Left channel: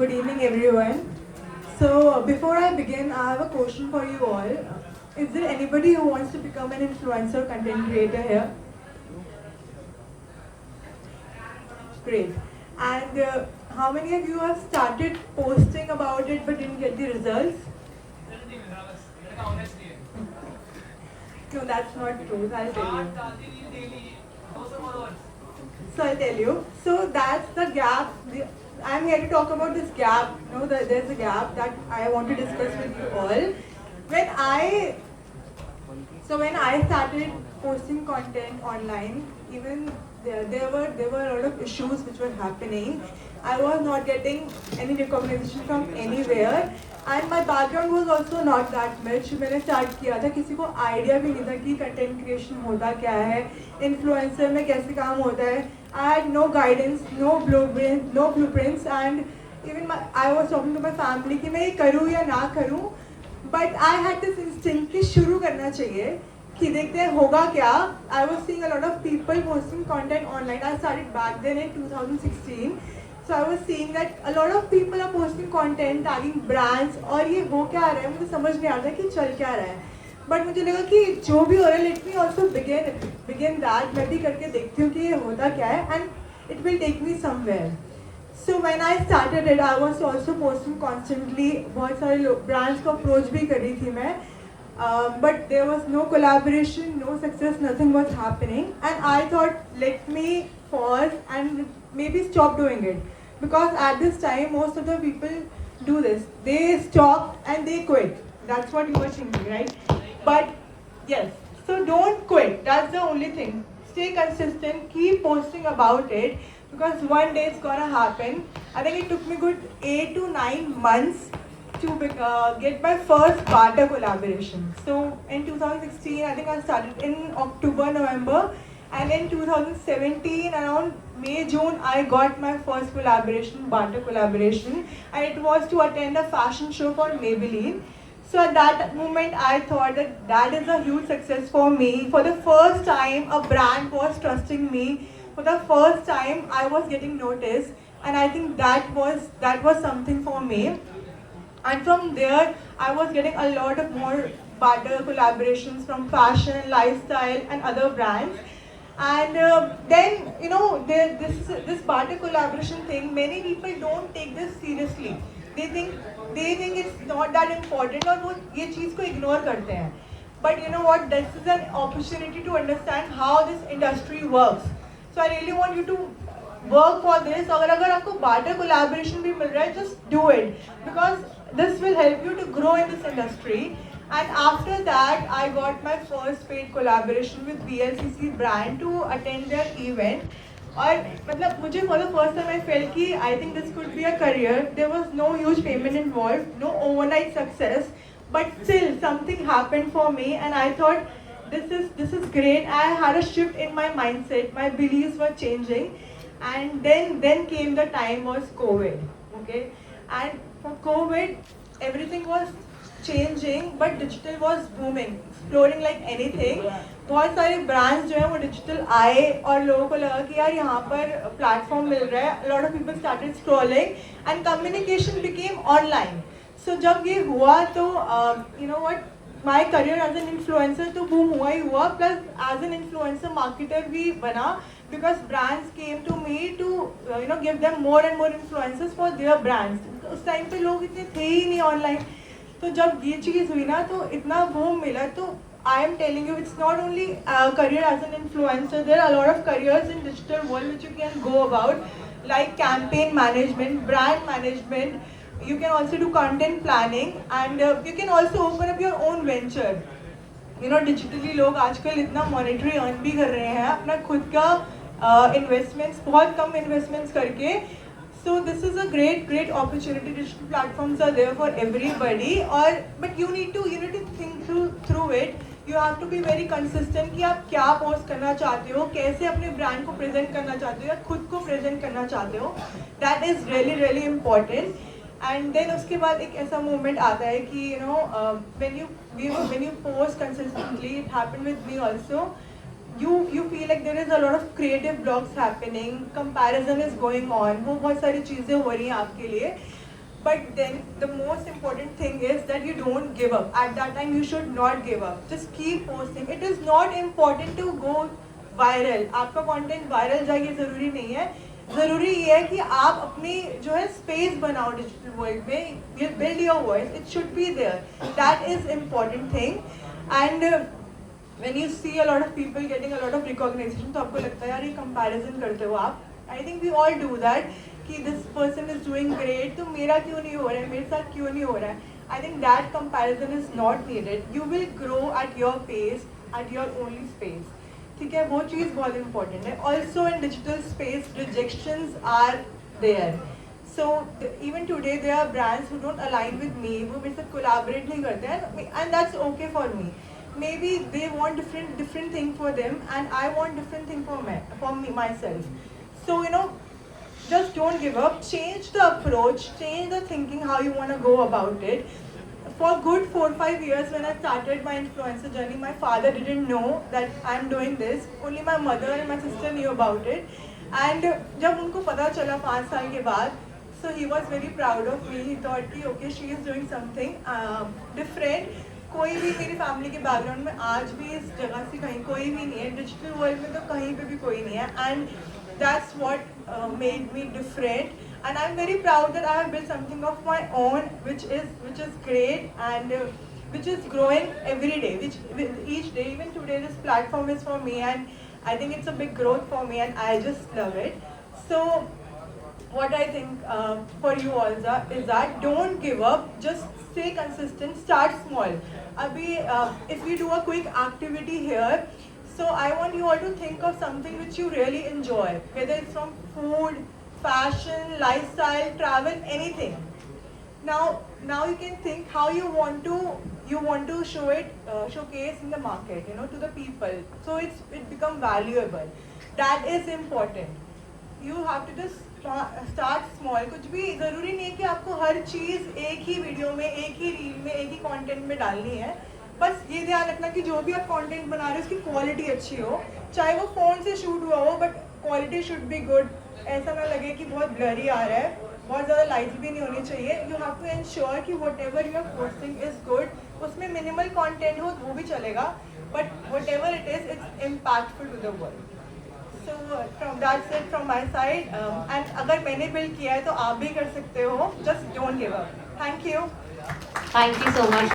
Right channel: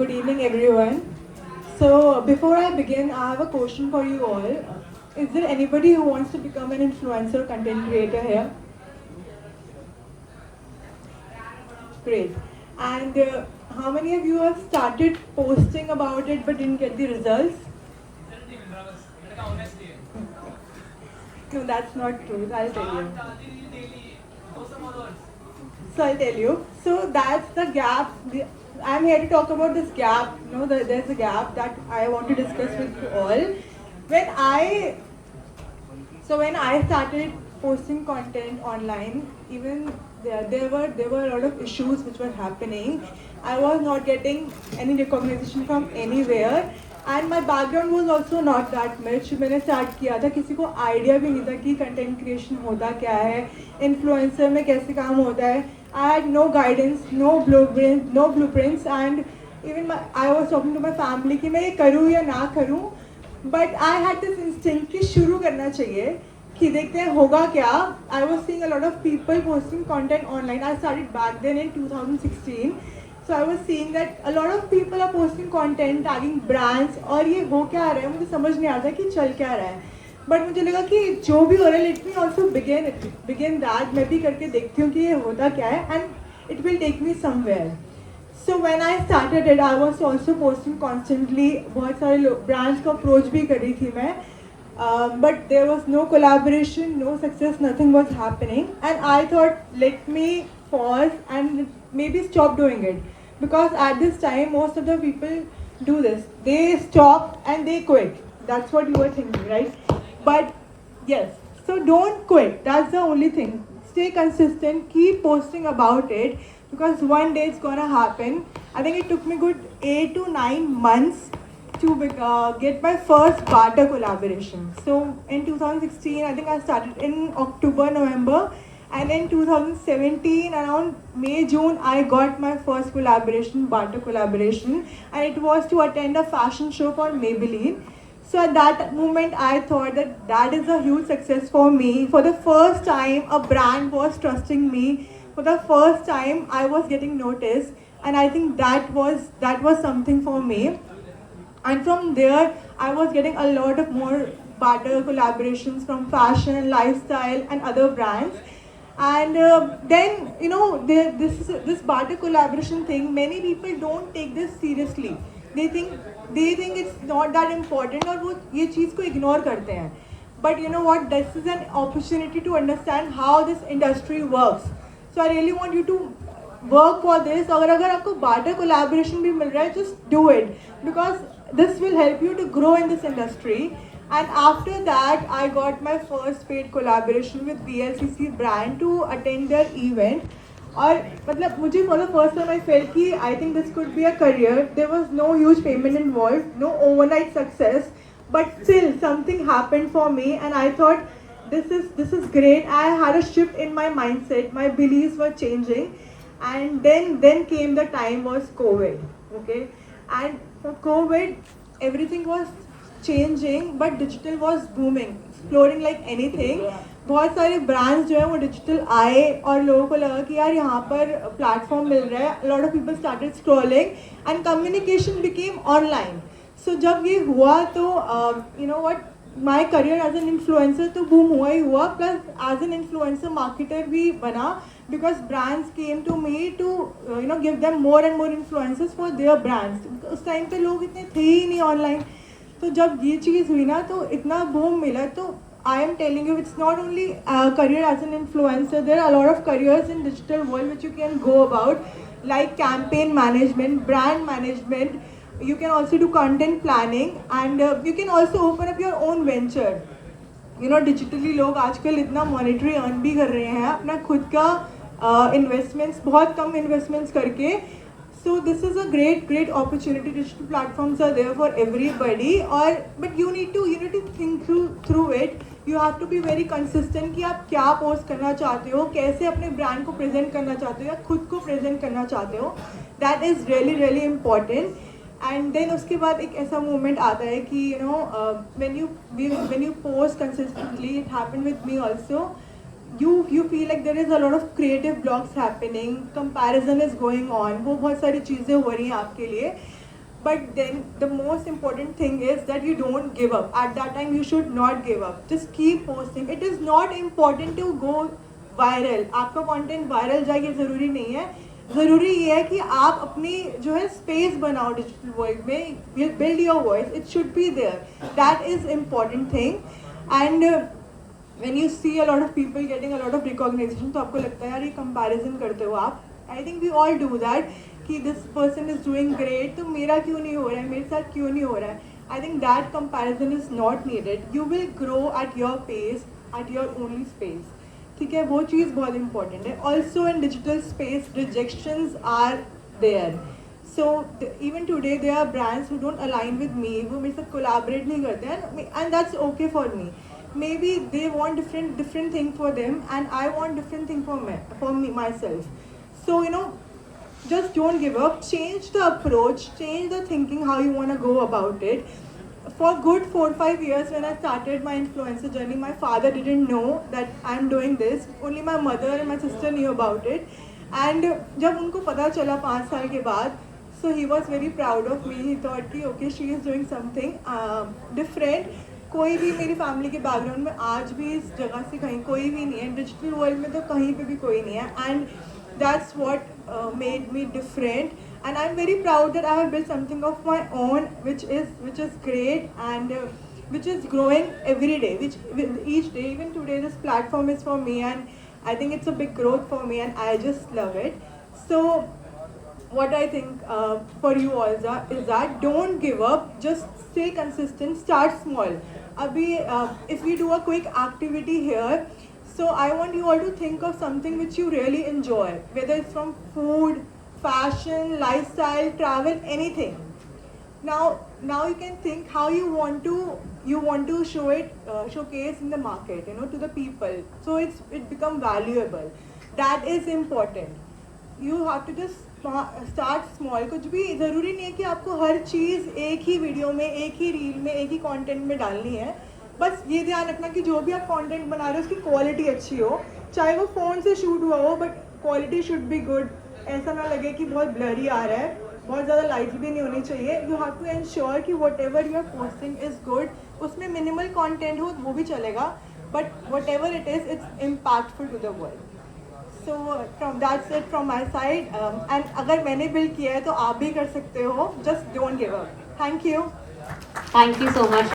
Good evening, everyone. So, before I begin, I have a question for you all. Is there anybody who wants to become an influencer content creator here? Great. And how many of you have started posting about it but didn't get the results? No, that's not true. I'll tell you. So I'll tell you. So that's the gap. I'm here to talk about this gap. There's a gap that I want to discuss with you all. When I when I started posting content online, even there were a lot of issues which were happening. I was not getting any recognition from anywhere, and my background was also not that much. मैंने start किया था, किसी को idea भी नहीं था कि content creation होता क्या है, influencer में कैसे काम होता है. I had no guidance, no blueprints, and even I was talking to my family कि मैं ये करूँ या ना करूँ. But I had this instinct कि शुरू करना चाहिए कि देखते हैं होगा क्या. I was seeing a lot of people posting content online. I started back then in 2016. So I was seeing that a lot of people are posting content tagging brands, और ये हो क्या रहा है मुझे समझ नहीं आता कि चल क्या रहा है. बट मुझे लगा कि जो भी हो रहा है let me also begin that. मैं भी करके देखती हूँ कि ये होता क्या है and it will take me somewhere. So when I started it, I was also posting constantly. बहुत सारे brands को approach भी कर रही थी मैं, but there was no collaboration, no success, nothing was happening. And I thought, let me pause and maybe stop doing it, because at this time most of the people do this. They stop and they quit. That's what you were thinking, right? But yes, so don't quit. That's the only thing. Stay consistent. Keep posting about it, because one day it's gonna happen. I think it took me good 8 to 9 months to get my first barter collaboration. So in 2016, I think I started in October, November, and in 2017, around May, June, I got my first collaboration, barter collaboration, and it was to attend a fashion show for Maybelline. So at that moment, I thought that that is a huge success for me. For the first time, a brand was trusting me. For the first time, I was getting noticed, and I think that was something for me. And from there, I was getting a lot of more barter collaborations from fashion, lifestyle, and other brands. And then this barter collaboration thing, many people don't take this seriously. They think it's not that important, और वो ये चीज़ को ignore करते हैं. But you know what? This is an opportunity to understand how this industry works. So I really want you to work for this. अगर आपको barter collaboration भी मिल रहा है, just do it, because this will help you to grow in this industry. And after that, I got my first paid collaboration with BLCC brand to attend their event. और मतलब मुझे for the first time I felt कि I think this could be a career. There was no huge payment involved, no overnight success, but still something happened for me, and I thought this is great. I had a shift in my mindset. My beliefs were changing, and then came the time was COVID. Okay, and for COVID, everything was changing, but digital was booming, exploring like anything. बहुत सारे brands जो है वो digital आए, और लोगों को लगा कि यार यहाँ पर प्लेटफॉर्म मिल रहा है. Lot of people started scrolling and communication became online. So जब ये हुआ तो you know what, my career as an influencer तो बूम हुआ ही हुआ, plus as an influencer marketer भी बना, because brands came to me to give them more and more influencers for their brands. उस टाइम पे लोग इतने थे ही नहीं ऑनलाइन. तो जब ये चीज़ हुई ना तो इतना बूम मिला. तो I am telling you, it's not only a career as an influencer. There are a lot of careers in digital world which you can go about, like campaign management, brand management. You can also do content planning, and you can also open up your own venture. Digitally लोग आजकल इतना monetary earn भी कर रहे हैं अपना खुद का इन्वेस्टमेंट्स, बहुत कम इन्वेस्टमेंट्स करके. So this is a great opportunity. Digital platforms are there for everybody, और but you need to think through it. You have to be very consistent कि आप क्या पोस्ट करना चाहते हो, कैसे अपने ब्रांड को प्रेजेंट करना चाहते हो या खुद को प्रेजेंट करना चाहते हो. That is really important. And then उसके बाद एक ऐसा मोमेंट आता है कि when you post consistently, it happened with me also. You feel like there is a lot of creative blocks happening, comparison is going on, वो बहुत सारी चीज़ें हो रही हैं आपके लिए. But then the most important thing is that you don't give up. At that time you should not give up. Just keep posting. It is not important to go viral. आपका content viral जाए ये ज़रूरी नहीं है. ज़रूरी ये है कि आप अपनी जो है space बनाओ digital world में. You build your voice. It should be there. That is important thing. And when you see a lot of people getting a lot of recognition, तो आपको लगता है यार ये comparison करते हो आप. I think we all do that. कि this person is doing great, तो मेरा क्यों नहीं हो रहा है, मेरे साथ क्यों नहीं हो रहा है. I think that comparison is not needed. You will grow at your pace, at your only space. ठीक है, वो चीज़ बहुत important है. Also in digital space, rejections are there. So even today there are brands who don't align with me, वो मेरे साथ collaborate नहीं करते हैं, and that's okay for me. Maybe they want different thing for them, and I want different thing for me myself. So you know, just don't give up. Change the approach, change the thinking how you want to go about it. For good 4-5 years when I started my influencer journey, my father didn't know that I'm doing this. Only my mother and my sister knew about it. And जब उनको पता चला 5 साल के बाद, so he was very proud of me. He thought कि okay, she is doing something different. कोई भी मेरी फैमिली के बैकग्राउंड में आज भी इस जगह से कहीं कोई भी नहीं है. डिजिटल वर्ल्ड में तो कहीं पे भी कोई नहीं है. And that's what made me different, and I'm very proud that I have built something of my own which is great, and which is growing every day, which each day, even today this platform is for me, and I think it's a big growth for me, and I just love it. So what I think for you all is that don't give up, just stay consistent, start small. Abhi if we do a quick activity here, so I want you all to think of something which you really enjoy, whether it's from food, fashion, lifestyle, travel, anything. Now you can think how you want to show it, showcase in the market, you know, to the people, so it become valuable. That is important. You have to just start small. कुछ भी ज़रूरी नहीं है कि आपको हर चीज़ एक ही video में, एक ही रील में, एक ही कंटेंट में डालनी है. बस ये ध्यान रखना कि जो भी आप कंटेंट बना रहे हो उसकी क्वालिटी अच्छी हो, चाहे वो फ़ोन से शूट हुआ हो, but quality should be good. ऐसा ना लगे कि बहुत ब्लरी आ रहा है, बहुत ज़्यादा लाइट्स भी नहीं होनी चाहिए. यू हैव टू एंश्योर कि whatever you are posting is good. उसमें मिनिमल कंटेंट हो वो भी चलेगा, but whatever it is, it's impactful to the world. So from that's it from my side. And अगर मैंने build किया है तो आप भी कर सकते हो. Just don't give up. Thank you so much.